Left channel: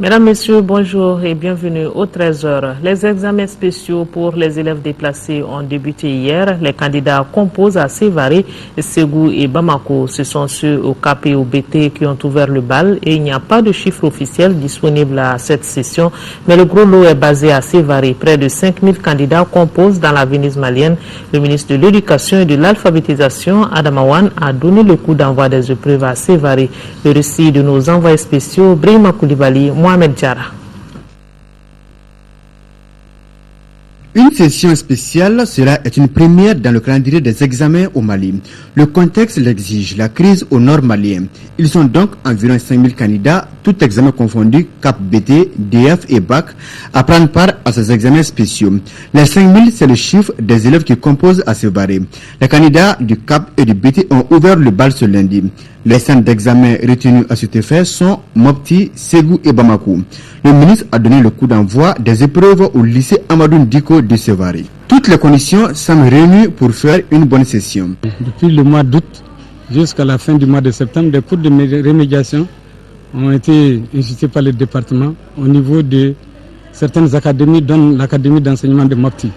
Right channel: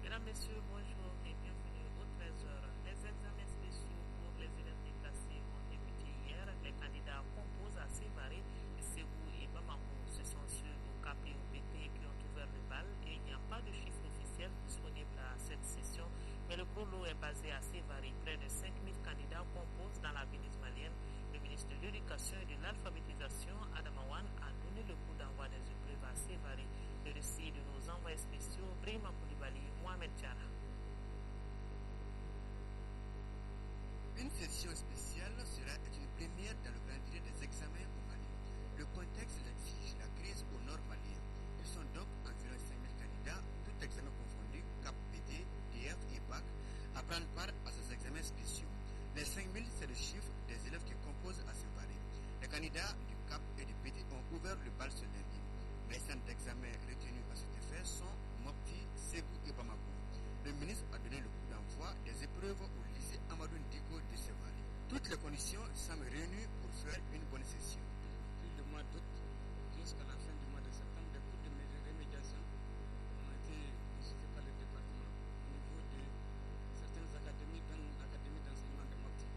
Mesdames, Messieurs, bonjour et bienvenue au 13h. Les examens spéciaux pour les élèves déplacés ont débuté hier. Les candidats composent à Sévaré, Ségou et Bamako. Ce sont ceux au Cap et au BT qui ont ouvert le bal et il n'y a pas de chiffre officiel disponible à cette session. Mais le gros lot est basé à Sévaré. Près de 5000 candidats composent dans la Venise malienne. Le ministre de l'Éducation et de l'Alphabétisation, Adama Wane, a donné le coup d'envoi des épreuves à Sévaré. Le récit de nos envoyés spéciaux, Brahima Koulibaly, Mohamed Diarra. Une session spéciale, cela est une première dans le calendrier des examens au Mali. Le contexte l'exige, la crise au nord malien. Ils sont donc environ 5000 candidats, tout examen confondu, CAP, BT, DF et BAC, à prendre part à ces examens spéciaux. Les 5000, c'est le chiffre des élèves qui composent à Sévaré. Les candidats du CAP et du BT ont ouvert le bal ce lundi. Les centres d'examen retenus à cet effet sont Mopti, Ségou et Bamako. Le ministre a donné le coup d'envoi des épreuves au lycée Amadou Ndiko de Sévaré. Toutes les conditions semblent réunies pour faire une bonne session. Depuis le mois d'août jusqu'à la fin du mois de septembre, des cours de remédiation ont été institués par le département au niveau de certaines académies, dont l'académie d'enseignement de Mopti.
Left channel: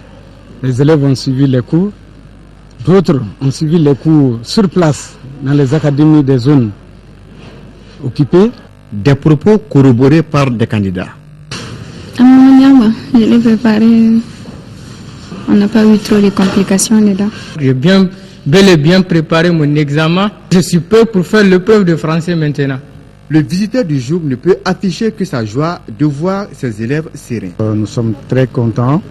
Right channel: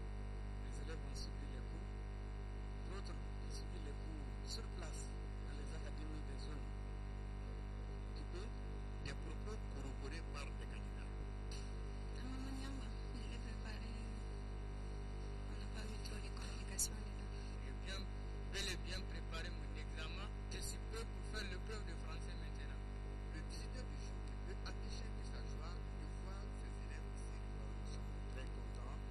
Les élèves ont suivi les cours, d'autres ont suivi les cours sur place dans les académies des zones occupées. Des propos corroborés par des candidats. Je l'ai préparé, on n'a pas eu trop de complications dedans. J'ai bel et bien préparé mon examen. Je suis prêt pour faire l'épreuve de français maintenant. Le visiteur du jour ne peut afficher que sa joie de voir ses élèves sereins. Nous sommes très contents,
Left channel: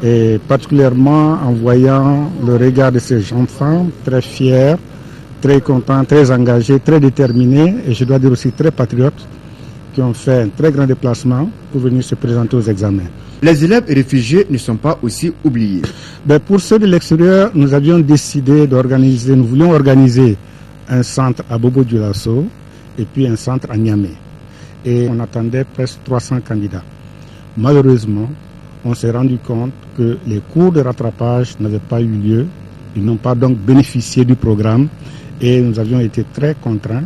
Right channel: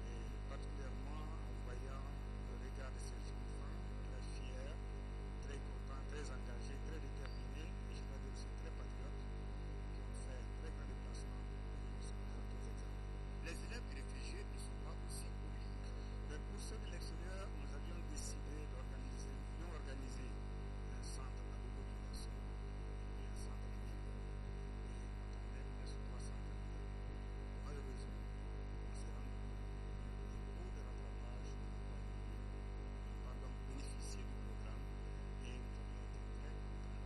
et particulièrement en voyant le regard de ces enfants très fiers, très contents, très engagés, très déterminés et je dois dire aussi très patriotes qui ont fait un très grand déplacement pour venir se présenter aux examens. Les élèves réfugiés ne sont pas aussi oubliés. Pour ceux de l'extérieur, nous avions décidé d'organiser, nous voulions organiser un centre à Bobo-Dioulasso et puis un centre à Niamey. Et on attendait presque 300 candidats. Malheureusement, on s'est rendu compte que les cours de rattrapage n'avaient pas eu lieu. Ils n'ont pas donc bénéficié du programme et nous avions été très contraints,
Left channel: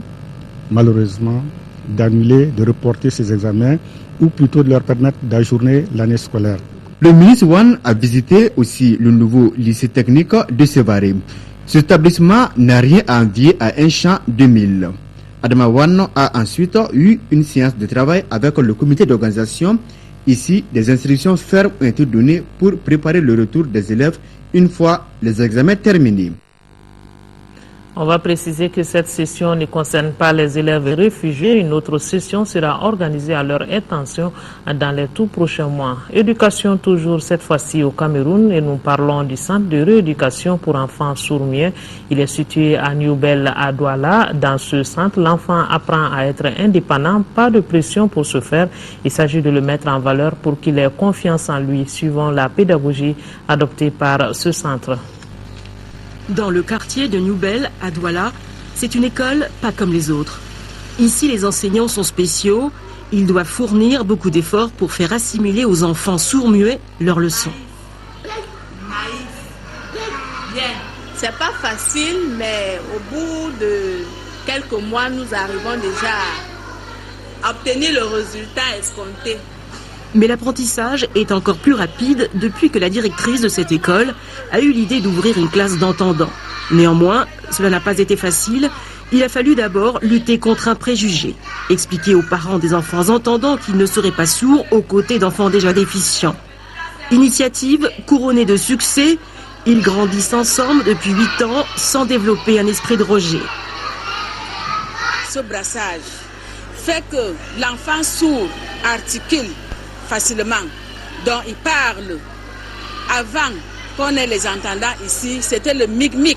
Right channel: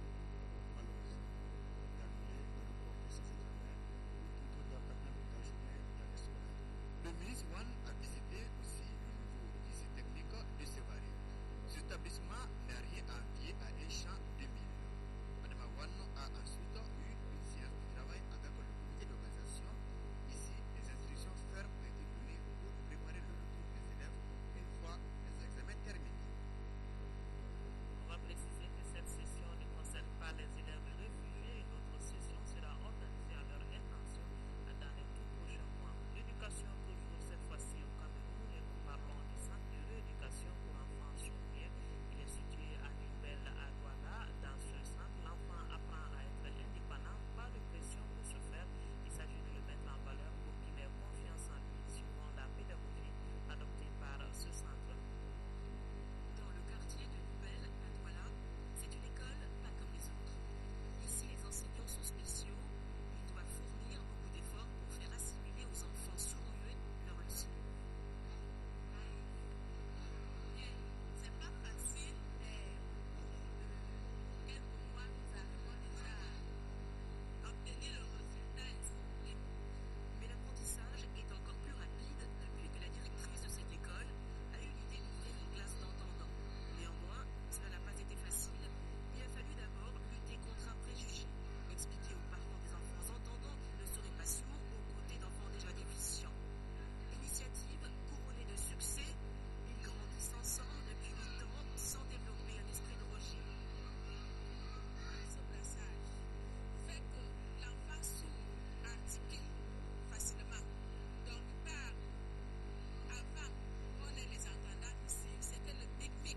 malheureusement, d'annuler, de reporter ces examens ou plutôt de leur permettre d'ajourner l'année scolaire. Le ministre Wane a visité aussi le nouveau lycée technique de Sévaré. Cet établissement n'a rien à envier à un champ 2000. Adama Wane a ensuite eu une séance de travail avec le comité d'organisation. Ici, des instructions fermes ont été données pour préparer le retour des élèves une fois les examens terminés. On va préciser que cette session ne concerne pas les élèves réfugiés. Une autre session sera organisée à leur intention dans les tout prochains mois. Éducation toujours cette fois-ci au Cameroun et nous parlons du centre de rééducation pour enfants sourds-muets. Il est situé à Newbel à Douala. Dans ce centre, l'enfant apprend à être indépendant, pas de pression pour ce faire. Il s'agit de le mettre en valeur pour qu'il ait confiance en lui, suivant la pédagogie adoptée par ce centre. Dans le quartier de Newbel, à Douala, c'est une école pas comme les autres. Ici, les enseignants sont spéciaux. Ils doivent fournir beaucoup d'efforts pour faire assimiler aux enfants sourds-muets leurs leçons. C'est pas facile, mais au bout de quelques mois, nous arrivons déjà à obtenir le résultat escompté. Mais l'apprentissage est encore plus rapide depuis que la directrice de cette école a eu l'idée d'ouvrir une classe d'entendants. Néanmoins, cela n'a pas été facile. Il a fallu d'abord lutter contre un préjugé, expliquer aux parents des enfants entendants qu'ils ne seraient pas sourds aux côtés d'enfants déjà déficients. Initiative couronnée de succès, ils grandissent ensemble depuis 8 ans sans développer un esprit de rejet. Ce brassage fait que l'enfant sourd articule facilement, donc il parle. Avant qu'on ait les entendants ici, c'était le mic-mic,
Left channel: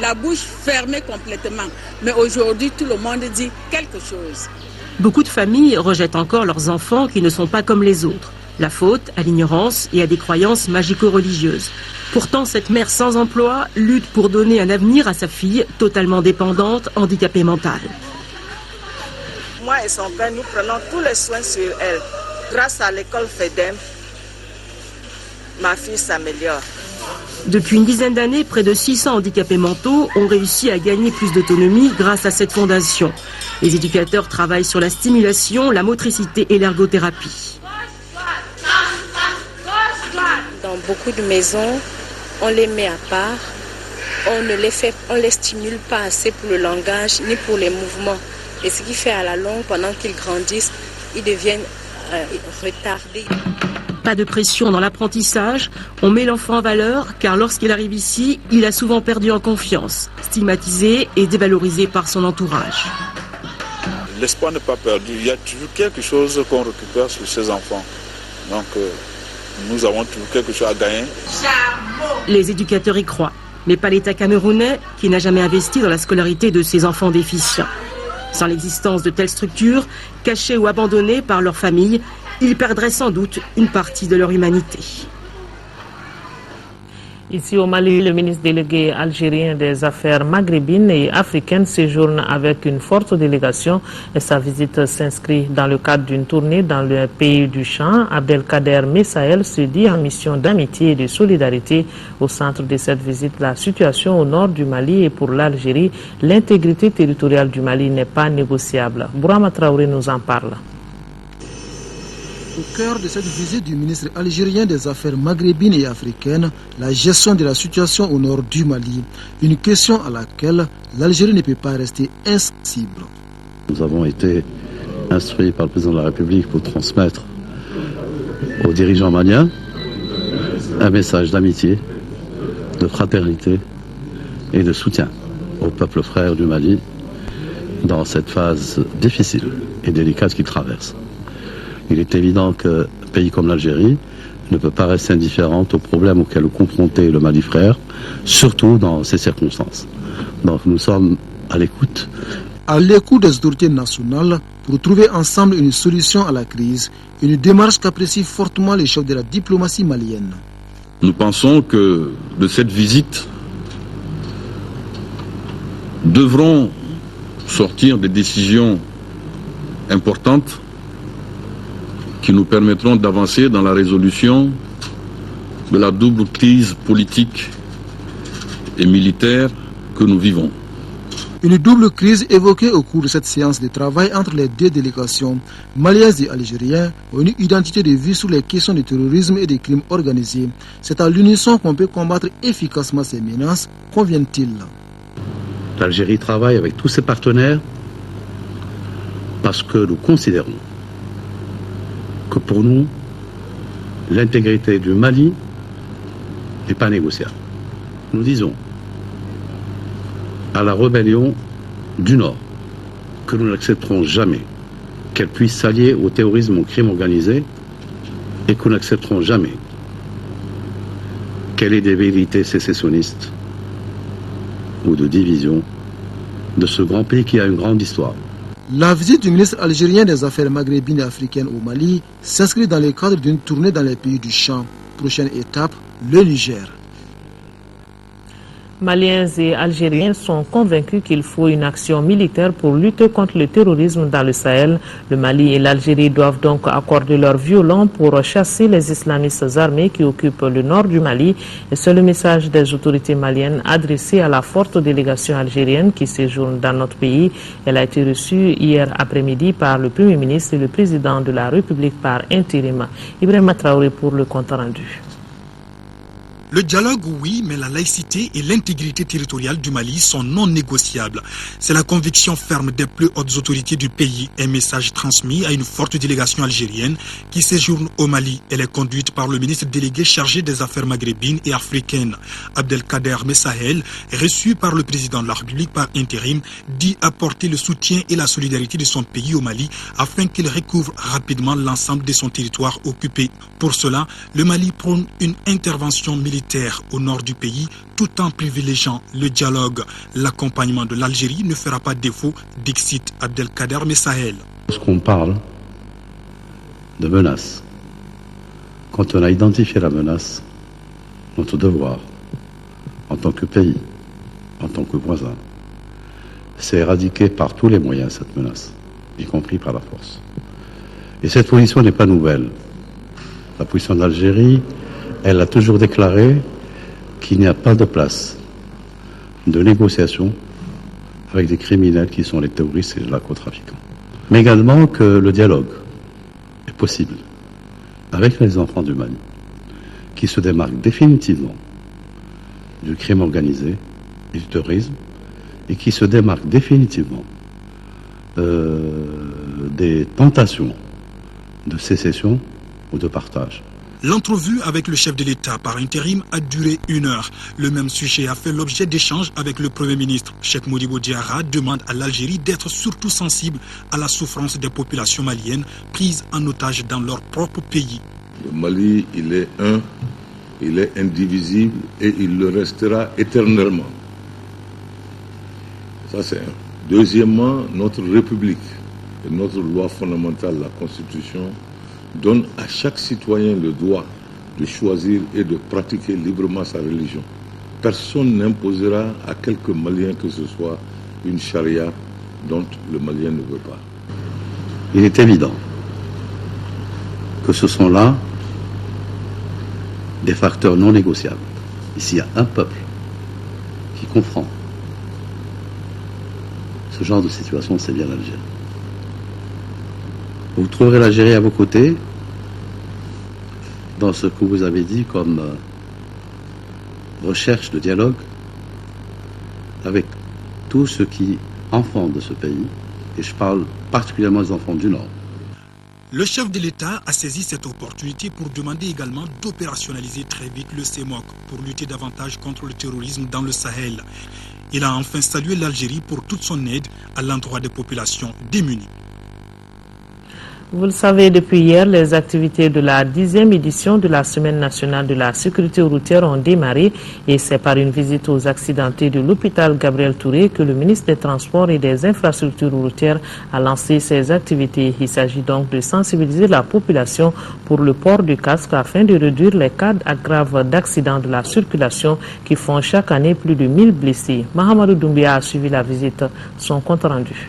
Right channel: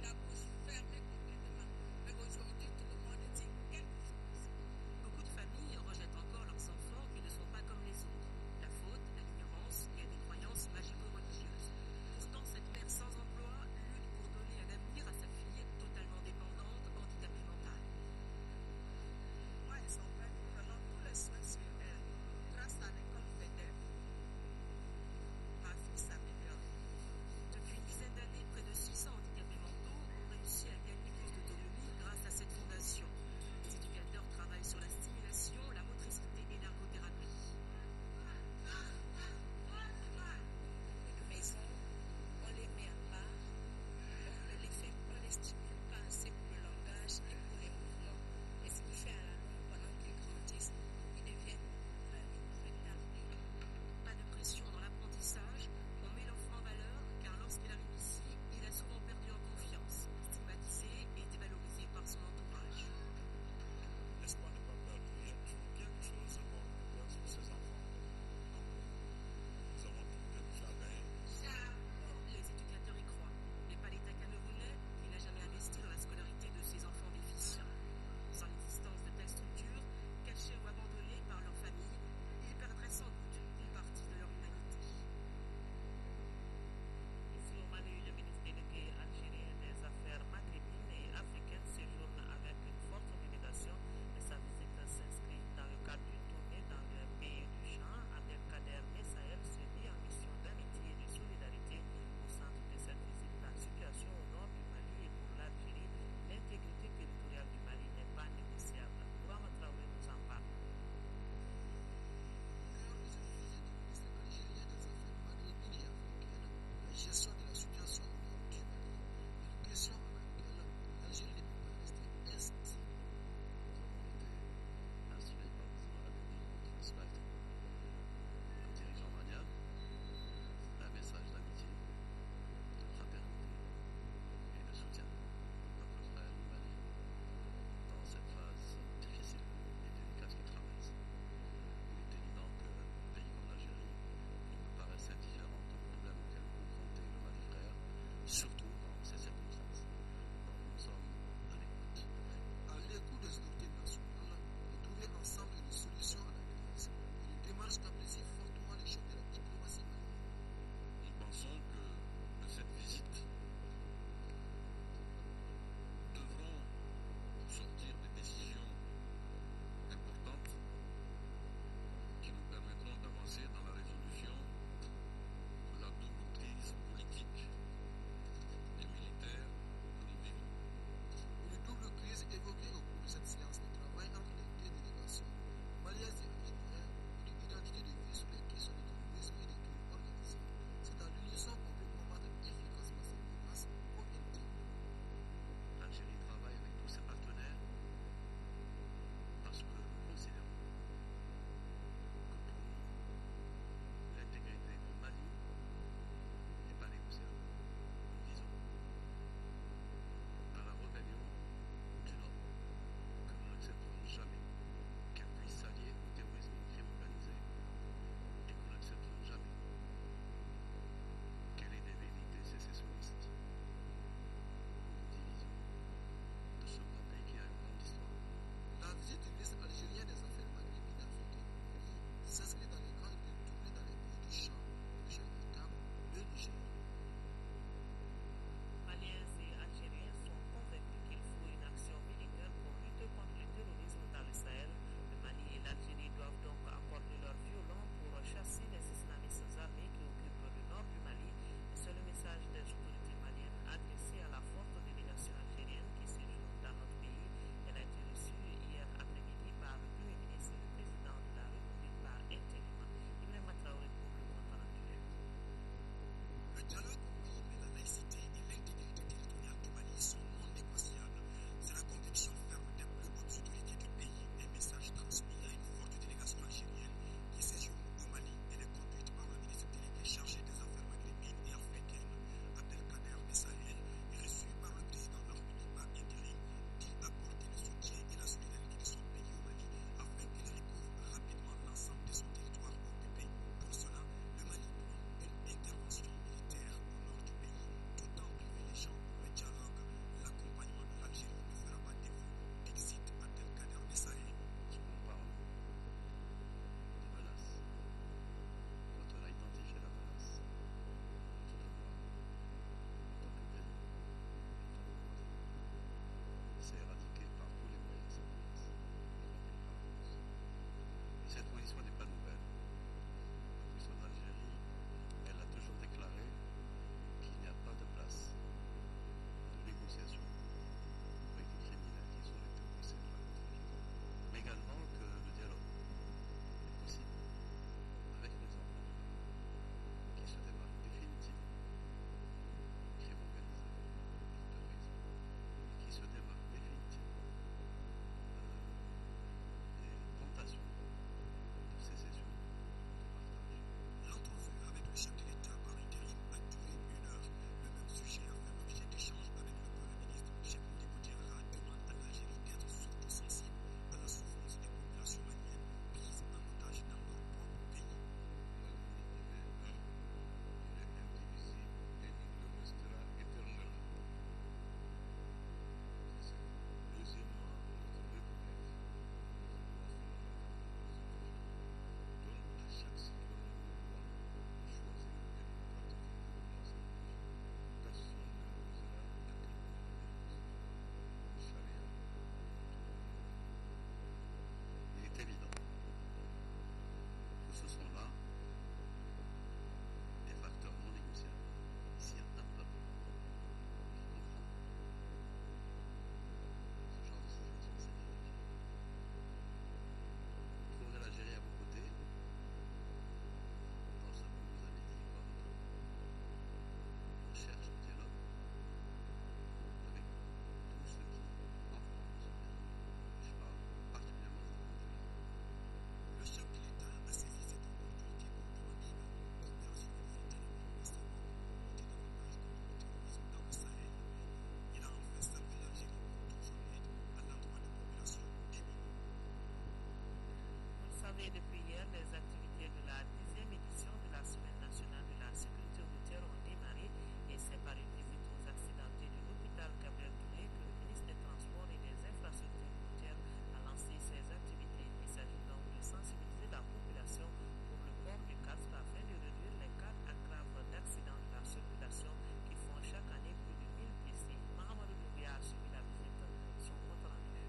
la bouche fermée complètement. Mais aujourd'hui, tout le monde dit quelque chose. Beaucoup de familles rejettent encore leurs enfants qui ne sont pas comme les autres. La faute à l'ignorance et à des croyances magico-religieuses. Pourtant, cette mère sans emploi lutte pour donner un avenir à sa fille totalement dépendante, handicapée mentale. Moi et son père, nous prenons tous les soins sur elle. Grâce à l'école FEDEM, ma fille s'améliore. Depuis une dizaine d'années, près de 600 handicapés mentaux ont réussi à gagner plus d'autonomie grâce à cette fondation. Les éducateurs travaillent sur la stimulation, la motricité et l'ergothérapie. Dans beaucoup de maisons, on les met à part, on les stimule pas assez pour le langage ni pour les mouvements. Et ce qui fait à la longue, pendant qu'ils grandissent, ils deviennent retardés. Pas de pression dans l'apprentissage, on met l'enfant en valeur car lorsqu'il arrive ici, il a souvent perdu en confiance, stigmatisé et dévalorisé par son entourage. L'espoir n'est pas perdu, il y a toujours quelque chose qu'on récupère sur ces enfants. Donc nous avons toujours quelque chose à gagner. Les éducateurs y croient, mais pas l'État camerounais qui n'a jamais investi dans la scolarité de ses enfants déficients. Sans l'existence de telles structures, cachées ou abandonnées par leur famille, ils perdraient sans doute une partie de leur humanité. Ici au Mali, le ministre délégué algérien des Affaires maghrébines et africaines séjourne avec une forte délégation. Et sa visite s'inscrit dans le cadre d'une tournée dans le pays du champ. Abdelkader Messaël se dit en mission d'amitié et de solidarité. Au centre de cette visite, la situation au nord du Mali et pour l'Algérie, l'intégrité territoriale du Mali n'est pas négociable. Bourama Traoré nous en parle. Au cœur de cette visite du ministre algérien des Affaires maghrébines et africaines, la gestion de la situation au nord du Mali, une question à laquelle l'Algérie ne peut pas rester insensible. Nous avons été instruits par le président de la République pour transmettre aux dirigeants maliens un message d'amitié, de fraternité et de soutien au peuple frère du Mali dans cette phase difficile et délicate qu'il traverse. Il est évident qu'un pays comme l'Algérie ne peut pas rester indifférente aux problèmes auxquels est confronté le Mali frère, surtout dans ces circonstances. Donc nous sommes à l'écoute. À l'écoute des autorités nationales pour trouver ensemble une solution à la crise, une démarche qu'apprécie fortement les chefs de la diplomatie malienne. Nous pensons que de cette visite devront sortir des décisions importantes qui nous permettront d'avancer dans la résolution de la double crise politique et militaire que nous vivons. Une double crise évoquée au cours de cette séance de travail entre les deux délégations, maliennes et algériennes, ont une identité de vue sur les questions du terrorisme et des crimes organisés. C'est à l'unisson qu'on peut combattre efficacement ces menaces, convient-il. L'Algérie travaille avec tous ses partenaires parce que nous considérons que pour nous, l'intégrité du Mali n'est pas négociable. Nous disons à la rébellion du Nord que nous n'accepterons jamais qu'elle puisse s'allier au terrorisme, au crime organisé, et que nous n'accepterons jamais qu'elle ait des velléités sécessionnistes ou de division de ce grand pays qui a une grande histoire. La visite du ministre algérien des Affaires maghrébines et africaines au Mali s'inscrit dans le cadre d'une tournée dans les pays du champ. Prochaine étape, le Niger. Maliens et Algériens sont convaincus qu'il faut une action militaire pour lutter contre le terrorisme dans le Sahel. Le Mali et l'Algérie doivent donc accorder leur violon pour chasser les islamistes armés qui occupent le nord du Mali. Et c'est le message des autorités maliennes adressé à la forte délégation algérienne qui séjourne dans notre pays. Elle a été reçue hier après-midi par le Premier ministre et le Président de la République par intérim. Ibrahima Traoré pour le compte rendu. Le dialogue, oui, mais la laïcité et l'intégrité territoriale du Mali sont non négociables. C'est la conviction ferme des plus hautes autorités du pays, un message transmis à une forte délégation algérienne qui séjourne au Mali. Elle est conduite par le ministre délégué chargé des affaires maghrébines et africaines. Abdelkader Messaël, reçu par le président de la République par intérim, dit apporter le soutien et la solidarité de son pays au Mali afin qu'il recouvre rapidement l'ensemble de son territoire occupé. Pour cela, le Mali prône une intervention militaire au nord du pays, tout en privilégiant le dialogue. L'accompagnement de l'Algérie ne fera pas défaut, dixit Abdelkader Messaël. Lorsqu'on parle de menace, quand on a identifié la menace, notre devoir, en tant que pays, en tant que voisin, c'est éradiquer par tous les moyens cette menace, y compris par la force. Et cette position n'est pas nouvelle. La position d'Algérie, elle a toujours déclaré qu'il n'y a pas de place de négociation avec des criminels qui sont les terroristes et les narcotrafiquants. Mais également que le dialogue est possible avec les enfants du Mali, qui se démarquent définitivement du crime organisé et du terrorisme, et qui se démarquent définitivement des tentations de sécession ou de partage. L'entrevue avec le chef de l'État par intérim a duré 1 heure. Le même sujet a fait l'objet d'échanges avec le Premier ministre. Cheikh Modibo Diarra demande à l'Algérie d'être surtout sensible à la souffrance des populations maliennes prises en otage dans leur propre pays. Le Mali, il est un, il est indivisible et il le restera éternellement. Ça c'est un. Deuxièmement, notre République et notre loi fondamentale, la Constitution, donne à chaque citoyen le droit de choisir et de pratiquer librement sa religion. Personne n'imposera à quelque Malien que ce soit une charia dont le Malien ne veut pas. Il est évident que ce sont là des facteurs non négociables. Ici, il y a un peuple qui comprend ce genre de situation, c'est bien l'Algérie. Vous trouverez l'Algérie à vos côtés dans ce que vous avez dit comme recherche de dialogue avec tous ceux qui enfants de ce pays, et je parle particulièrement des enfants du Nord. Le chef de l'État a saisi cette opportunité pour demander également d'opérationnaliser très vite le CEMOC pour lutter davantage contre le terrorisme dans le Sahel. Il a enfin salué l'Algérie pour toute son aide à l'endroit des populations démunies. Vous le savez, depuis hier, les activités de la 10e édition de la Semaine nationale de la sécurité routière ont démarré et c'est par une visite aux accidentés de l'hôpital Gabriel Touré que le ministre des Transports et des Infrastructures routières a lancé ces activités. Il s'agit donc de sensibiliser la population pour le port du casque afin de réduire les cas graves d'accidents de la circulation qui font chaque année plus de 1000 blessés. Mahamadou Doumbia a suivi la visite, son compte rendu.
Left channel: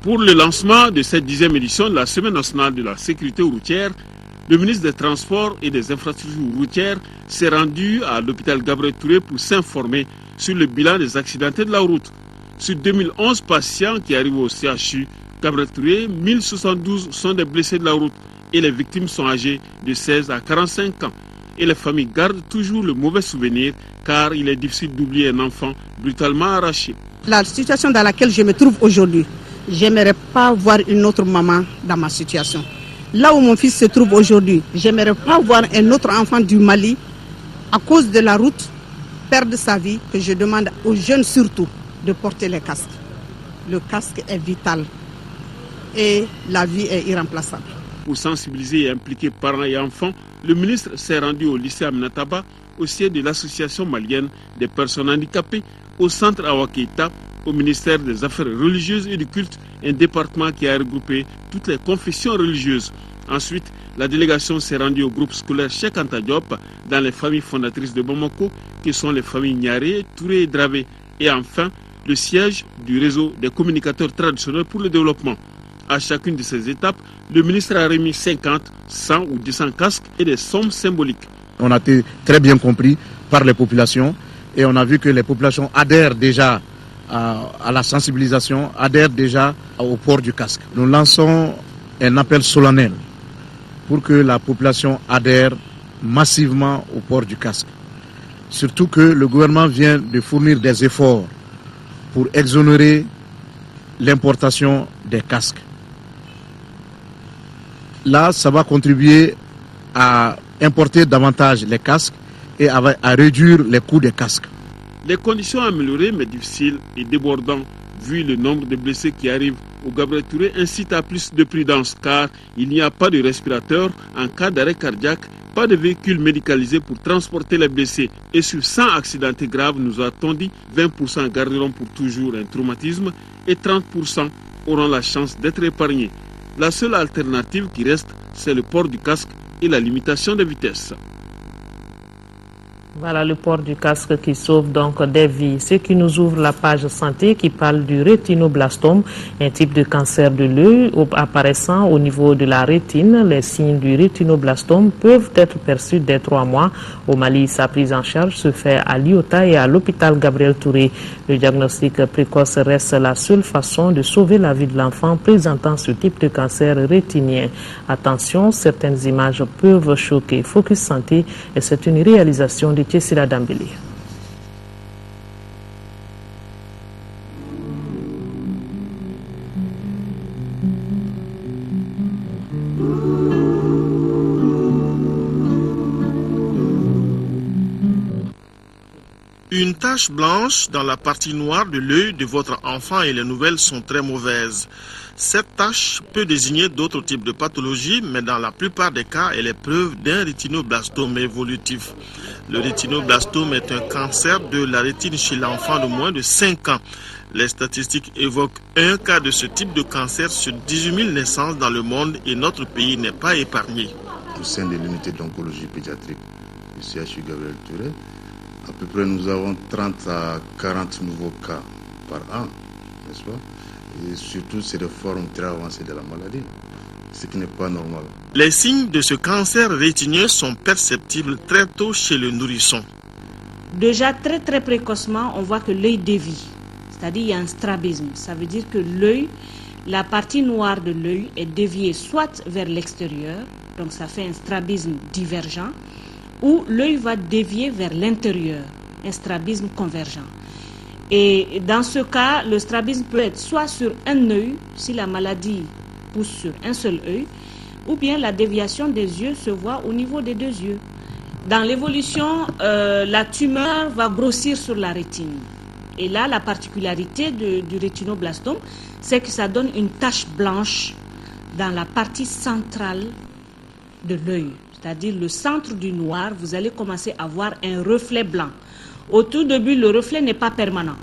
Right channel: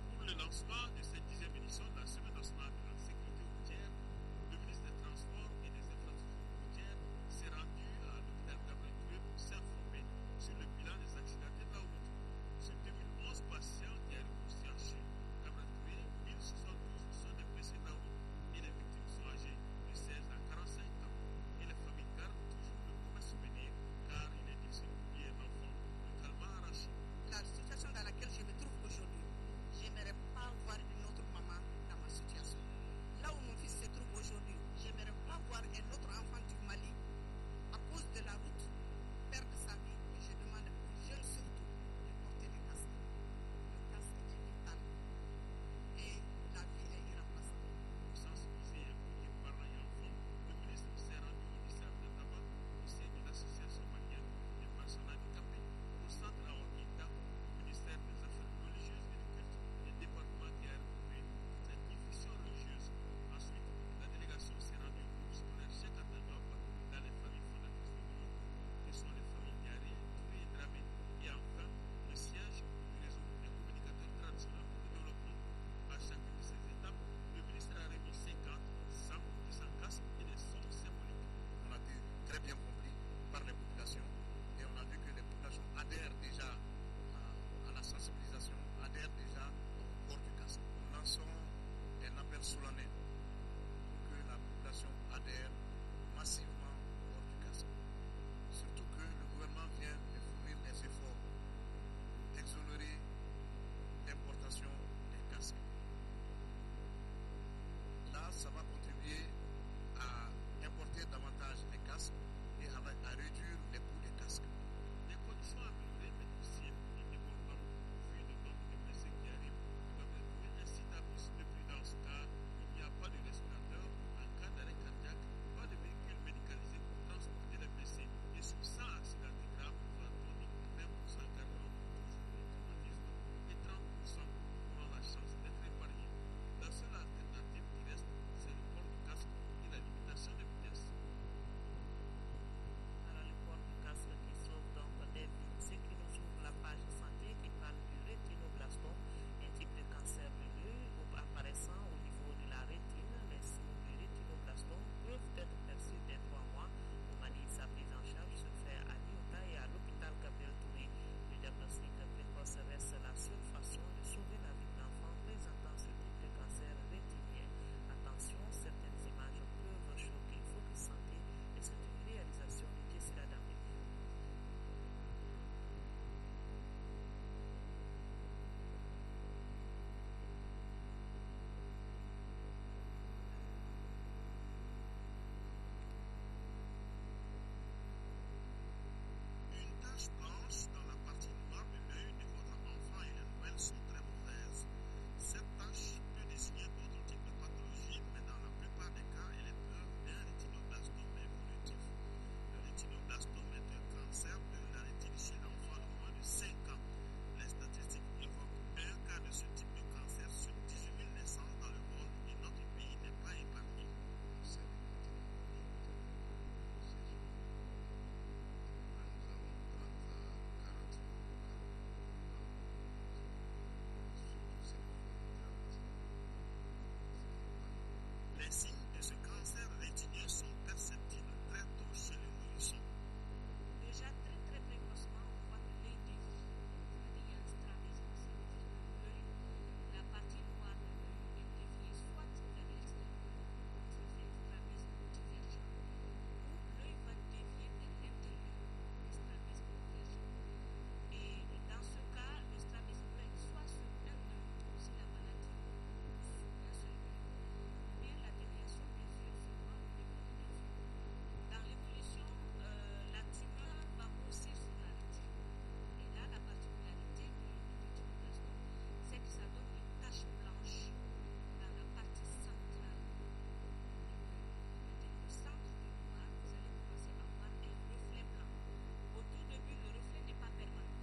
Pour le lancement de cette 10e édition de la Semaine nationale de la sécurité routière, le ministre des Transports et des Infrastructures routières s'est rendu à l'hôpital Gabriel Touré pour s'informer sur le bilan des accidentés de la route. Sur 2011 patients qui arrivent au CHU Gabriel Touré, 1072 sont des blessés de la route et les victimes sont âgées de 16 à 45 ans. Et les familles gardent toujours le mauvais souvenir car il est difficile d'oublier un enfant brutalement arraché. La situation dans laquelle je me trouve aujourd'hui, j'aimerais pas voir une autre maman dans ma situation. Là où mon fils se trouve aujourd'hui, j'aimerais pas voir un autre enfant du Mali, à cause de la route, perdre sa vie, que je demande aux jeunes surtout de porter les casques. Le casque est vital et la vie est irremplaçable. Pour sensibiliser et impliquer parents et enfants, le ministre s'est rendu au lycée Aminataba, au siège de l'association malienne des personnes handicapées, au centre Awa-Keita, au ministère des Affaires religieuses et du culte, un département qui a regroupé toutes les confessions religieuses. Ensuite, la délégation s'est rendue au groupe scolaire Cheikh Anta Diop dans les familles fondatrices de Bamako, qui sont les familles Niaré, Touré et Dravé. Et enfin, le siège du réseau des communicateurs traditionnels pour le développement. À chacune de ces étapes, le ministre a remis 50, 100 ou 200 casques et des sommes symboliques. On a été très bien compris par les populations et on a vu que les populations adhèrent déjà à la sensibilisation, adhèrent déjà au port du casque. Nous lançons un appel solennel pour que la population adhère massivement au port du casque. Surtout que le gouvernement vient de fournir des efforts pour exonérer l'importation des casques. Là, ça va contribuer à importer davantage les casques et à réduire les coûts des casques. Les conditions améliorées mais difficiles et débordantes, vu le nombre de blessés qui arrivent au Gabriel Touré, incitent à plus de prudence car il n'y a pas de respirateur en cas d'arrêt cardiaque, pas de véhicule médicalisé pour transporter les blessés. Et sur 100 accidentés graves, nous a-t-on dit, 20% garderont pour toujours un traumatisme et 30% auront la chance d'être épargnés. La seule alternative qui reste, c'est le port du casque et la limitation des vitesses. Voilà le port du casque qui sauve donc des vies. Ce qui nous ouvre la page santé qui parle du rétinoblastome, un type de cancer de l'œil apparaissant au niveau de la rétine. Les signes du rétinoblastome peuvent être perçus dès 3 mois. Au Mali, sa prise en charge se fait à l'IOTA et à l'hôpital Gabriel Touré. Le diagnostic précoce reste la seule façon de sauver la vie de l'enfant présentant ce type de cancer rétinien. Attention, certaines images peuvent choquer. Focus Santé, et c'est une réalisation de Tessila Dambélé. Une tache blanche dans la partie noire de l'œil de votre enfant et les nouvelles sont très mauvaises. Cette tache peut désigner d'autres types de pathologies, mais dans la plupart des cas, elle est preuve d'un rétinoblastome évolutif. Le rétinoblastome est un cancer de la rétine chez l'enfant de moins de 5 ans. Les statistiques évoquent un cas de ce type de cancer sur 18 000 naissances dans le monde et notre pays n'est pas épargné. Au sein de l'unité d'oncologie pédiatrique du CHU Gabriel Touré, à peu près nous avons 30 à 40 nouveaux cas par an, n'est-ce pas? Et surtout, c'est des formes très avancées de la maladie, ce qui n'est pas normal. Les signes de ce cancer rétinien sont perceptibles très tôt chez le nourrisson. Déjà très précocement, on voit que l'œil dévie, c'est-à-dire il y a un strabisme. Ça veut dire que l'œil, la partie noire de l'œil est déviée soit vers l'extérieur, donc ça fait un strabisme divergent, ou l'œil va dévier vers l'intérieur, un strabisme convergent. Et dans ce cas, le strabisme peut être soit sur un œil, si la maladie pousse sur un seul œil, ou bien la déviation des yeux se voit au niveau des 2 yeux. Dans l'évolution, la tumeur va grossir sur la rétine. Et là, la particularité du rétinoblastome, c'est que ça donne une tache blanche dans la partie centrale de l'œil. C'est-à-dire le centre du noir, vous allez commencer à voir un reflet blanc. Au tout début, le reflet n'est pas permanent.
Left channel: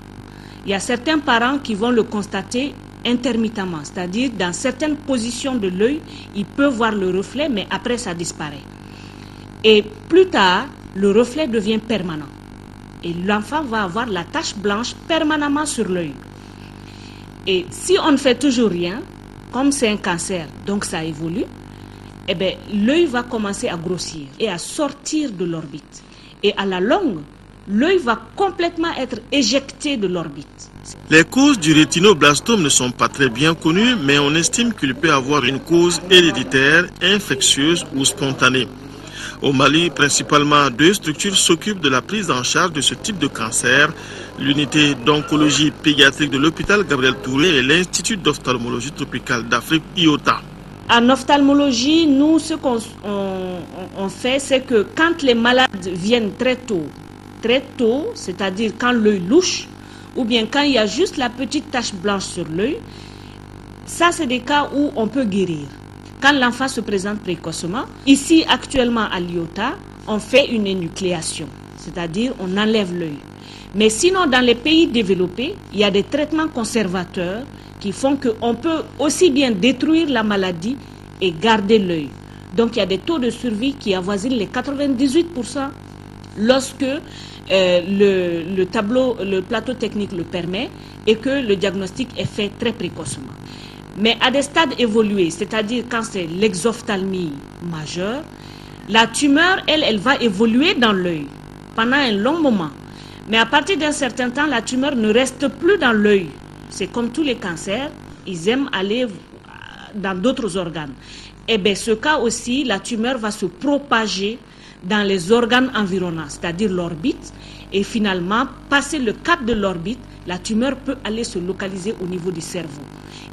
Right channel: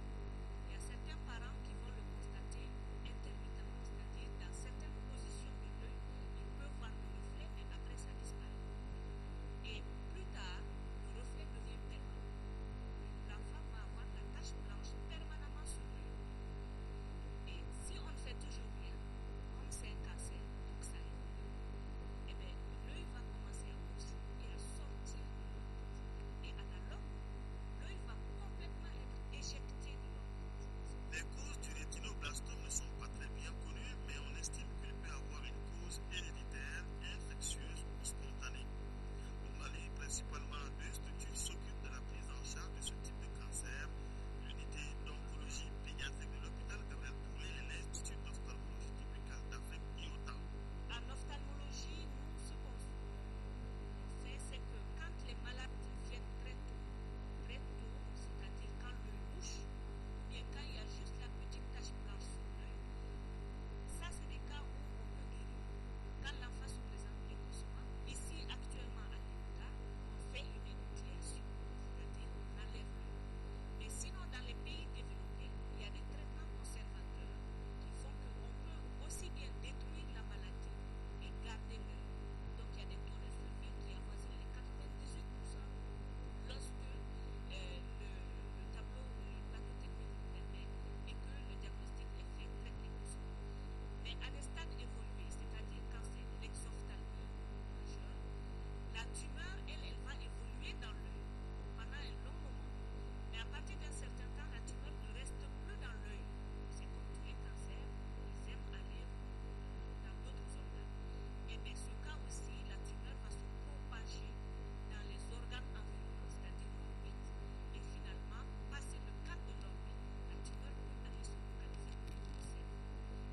Il y a certains parents qui vont le constater intermittemment, c'est-à-dire dans certaines positions de l'œil, ils peuvent voir le reflet, mais après ça disparaît. Et plus tard, le reflet devient permanent. Et l'enfant va avoir la tache blanche permanemment sur l'œil. Et si on ne fait toujours rien, comme c'est un cancer, donc ça évolue, eh bien, l'œil va commencer à grossir et à sortir de l'orbite. Et à la longue, l'œil va complètement être éjecté de l'orbite. Les causes du rétinoblastome ne sont pas très bien connues, mais on estime qu'il peut avoir une cause héréditaire, infectieuse ou spontanée. Au Mali, principalement 2 structures s'occupent de la prise en charge de ce type de cancer, l'unité d'oncologie pédiatrique de l'hôpital Gabriel Touré et l'Institut d'ophtalmologie tropicale d'Afrique, IOTA. En ophtalmologie, nous, ce qu'on fait, c'est que quand les malades viennent très tôt, c'est-à-dire quand l'œil louche, ou bien quand il y a juste la petite tache blanche sur l'œil, ça c'est des cas où on peut guérir. Quand l'enfant se présente précocement, ici actuellement à l'IOTA, on fait une énucléation, c'est-à-dire on enlève l'œil. Mais sinon, dans les pays développés, il y a des traitements conservateurs qui font qu'on peut aussi bien détruire la maladie et garder l'œil. Donc il y a des taux de survie qui avoisinent les 98% lorsque le plateau technique le permet et que le diagnostic est fait très précocement. Mais à des stades évolués, c'est-à-dire quand c'est l'exophthalmie majeure, la tumeur, elle va évoluer dans l'œil pendant un long moment. Mais à partir d'un certain temps, la tumeur ne reste plus dans l'œil. C'est comme tous les cancers, ils aiment aller dans d'autres organes. Et bien, ce cas aussi, la tumeur va se propager dans les organes environnants, c'est-à-dire l'orbite. Et finalement, passer le cap de l'orbite, la tumeur peut aller se localiser au niveau du cerveau.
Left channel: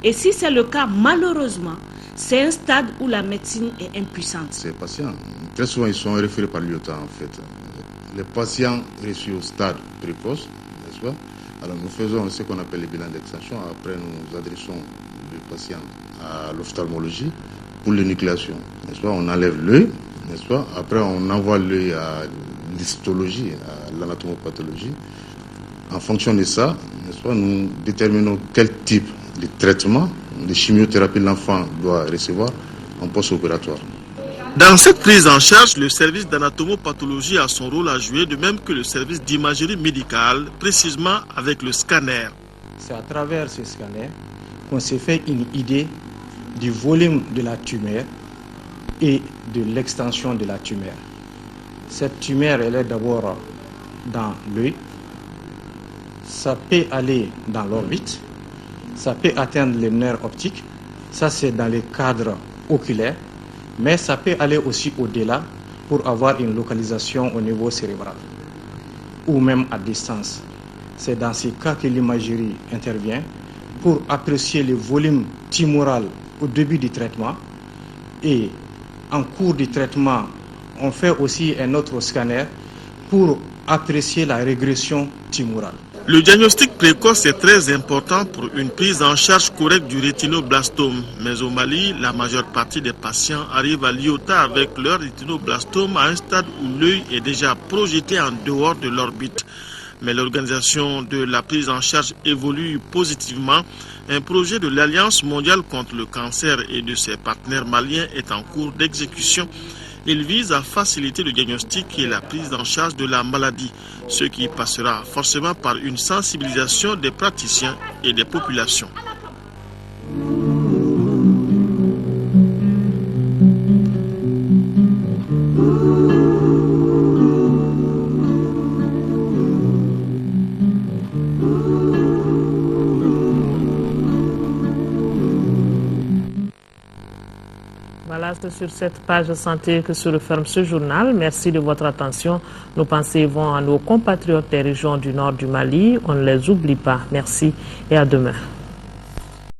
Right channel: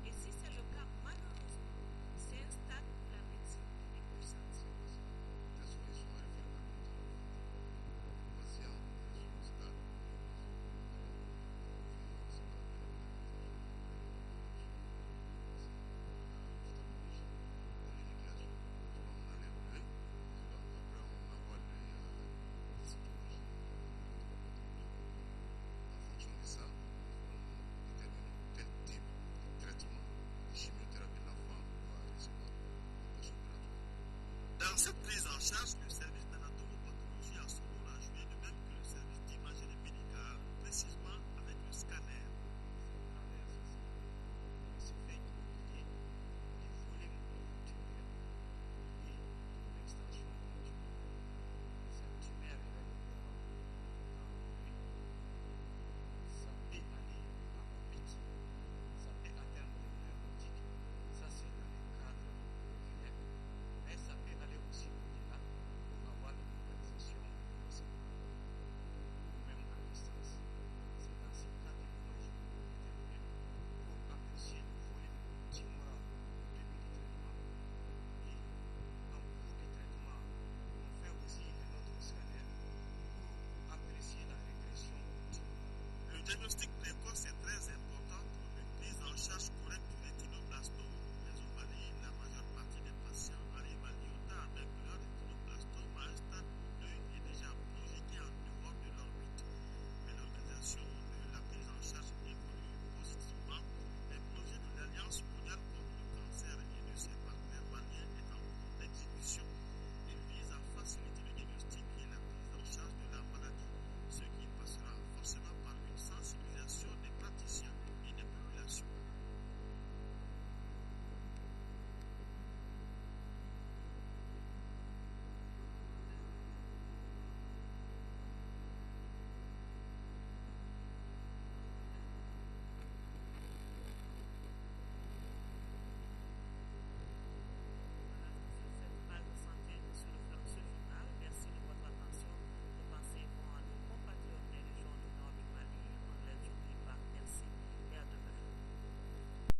Et si c'est le cas, malheureusement, c'est un stade où la médecine est impuissante. Ces patients, très souvent, ils sont référés par l'IOTA, en fait. Les patients reçus au stade précoce, n'est-ce pas? Alors nous faisons ce qu'on appelle les bilans d'extraction. Après, nous adressons le patient à l'ophtalmologie pour l'énucléation, n'est-ce pas? On enlève l'œil, n'est-ce pas? Après, on envoie l'œil à l'histologie, à l'anatomopathologie. En fonction de ça, n'est-ce pas, nous déterminons quel type de traitement, de chimiothérapie l'enfant doit recevoir en post-opératoire. Dans cette prise en charge, le service d'anatomopathologie a son rôle à jouer, de même que le service d'imagerie médicale, précisément avec le scanner. C'est à travers ce scanner qu'on s'est fait une idée du volume de la tumeur et de l'extension de la tumeur. Cette tumeur, elle est d'abord dans l'œil, ça peut aller dans l'orbite, ça peut atteindre les nerfs optiques, ça c'est dans les cadres oculaires, mais ça peut aller aussi au-delà pour avoir une localisation au niveau cérébral ou même à distance. C'est dans ces cas que l'imagerie intervient pour apprécier le volume tumoral au début du traitement, et en cours du traitement, on fait aussi un autre scanner pour apprécier la régression tumorale. Le diagnostic précoce est très important pour une prise en charge correcte du rétinoblastome. Mais au Mali, la majeure partie des patients arrivent à l'IOTA avec leur rétinoblastome à un stade où l'œil est déjà projeté en dehors de l'orbite. Mais l'organisation de la prise en charge évolue positivement. Un projet de l'Alliance mondiale contre le cancer et de ses partenaires maliens est en cours d'exécution. Il vise à faciliter le diagnostic et la prise en charge de la maladie, ce qui passera forcément par une sensibilisation des praticiens et des populations. C'est sur cette page santé que se referme ce journal. Merci de votre attention. Nos pensées vont à nos compatriotes des régions du nord du Mali. On ne les oublie pas. Merci et à demain.